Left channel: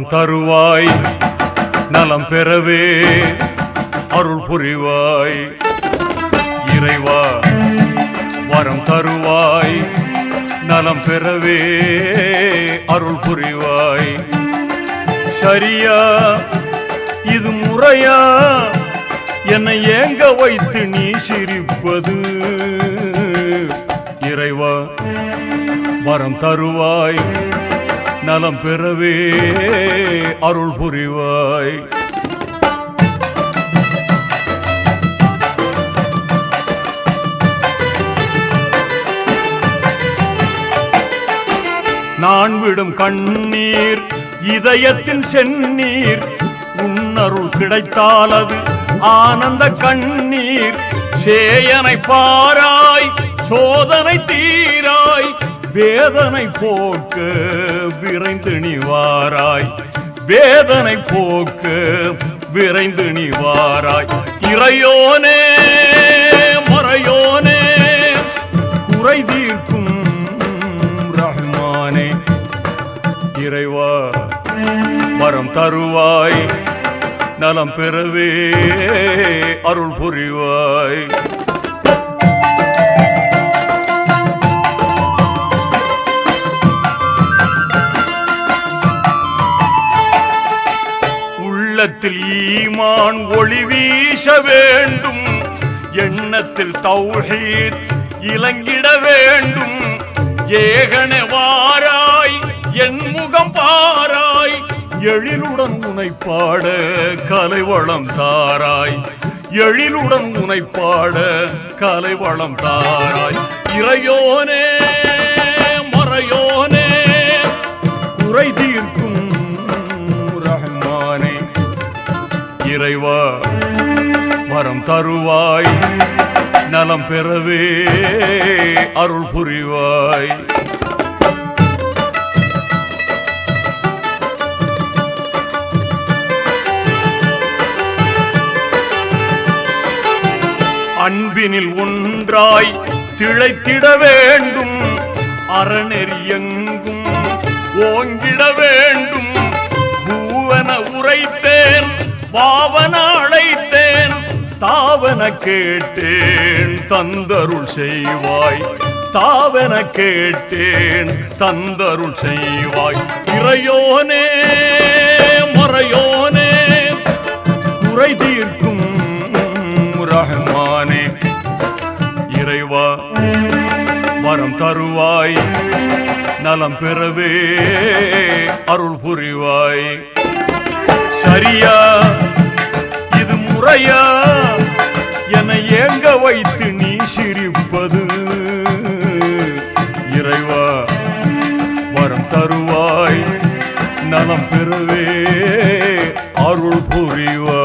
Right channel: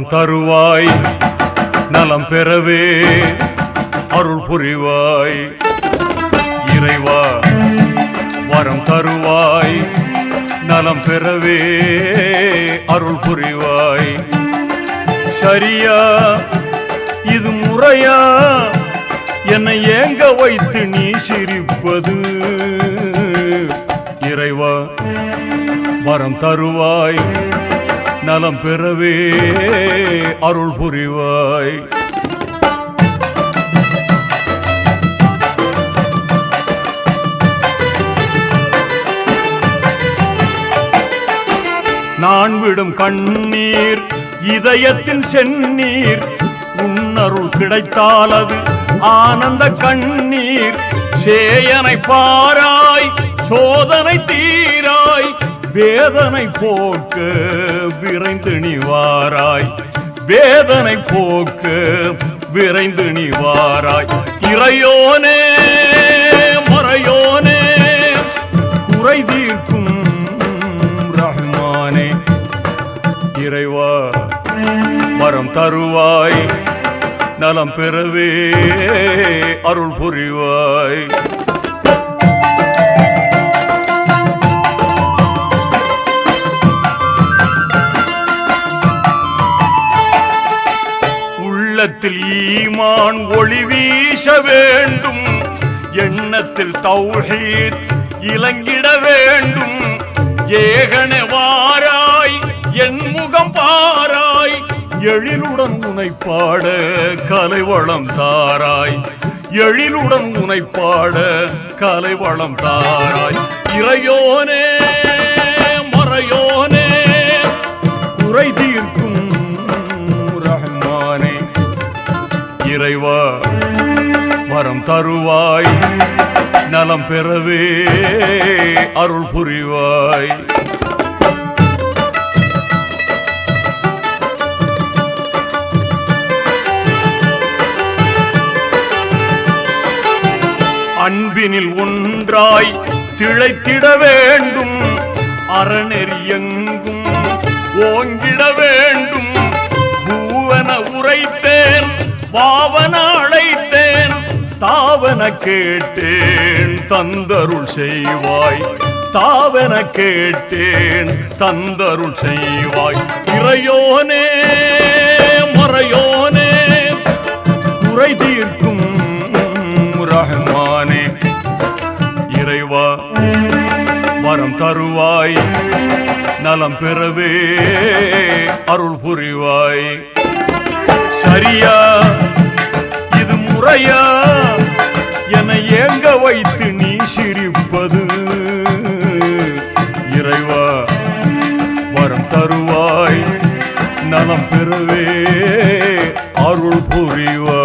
வரம் தருவாய் நலம் பெறவே அருள் புரிவாய். இறைவா வரம் தருவாய் நலம் பெறவே அருள் புரிவாய். சரியா இது முறையா என்னை ஏங்க வைத்து நீ சிரிப்பது? இறைவா வரம் தருவாய் நலம் பெறவே அருள் புரிவாய். நான் விடும் கண்ணீர் இதயத்தின் செந்நீர், உன்னருள் கிடைத்தால் அது ஆனந்த கண்ணீர். சேயனை பாராய் சோதனை தீராய், வேதனை போக்க விரைந்து நீ வாராய். வேதனை போக்க விரைந்து நீ வாராய். இறையோனே மறையோனே குறை தீர்க்கும் ரஹ்மானே. இறைவா வரம் தருவாய் நலம் பெறவே அருள் புரிவாய். உள்ளத்தில் ஈமான் ஒளி வீச வேண்டும், எண்ணத்தில் தௌஹீத் இலங்கிட வேண்டும். ஏகனே வாராய் என் முகம் பாராய், எழிலுடன் உனை பாட கலைவளம் தாராய். எழிலுடன் உனை பாட கலைவளம் தாராய். இறையோனே மறையோனே குறை தீர்க்கும் ரஹ்மானே. இறைவா வரம் தருவாய் நலம் பெறவே அருள் புரிவாய். அன்பினில் ஒன்றாய் திளைத்திட வேண்டும், அறநெறி எங்கும் ஓங்கிட வேண்டும். பூவன உரைத்தேன் பாவன அழைத்தேன், தாவன கேட்டேன் தந்தருள் செய்வாய். தாவன கேட்டேன் தந்தருள் செய்வாய். இறையோனே மறையோனே குறை தீர்க்கும் ரஹ்மானே. இறைவா வரம் தருவாய் நலம் பெறவே அருள் புரிவாய். சரியா இது முறையா என்னை ஏங்க வைத்து நீ சிரிப்பது? இறைவா வரம் தருவாய் நலம் பெறவே அருள் புரிவாய்.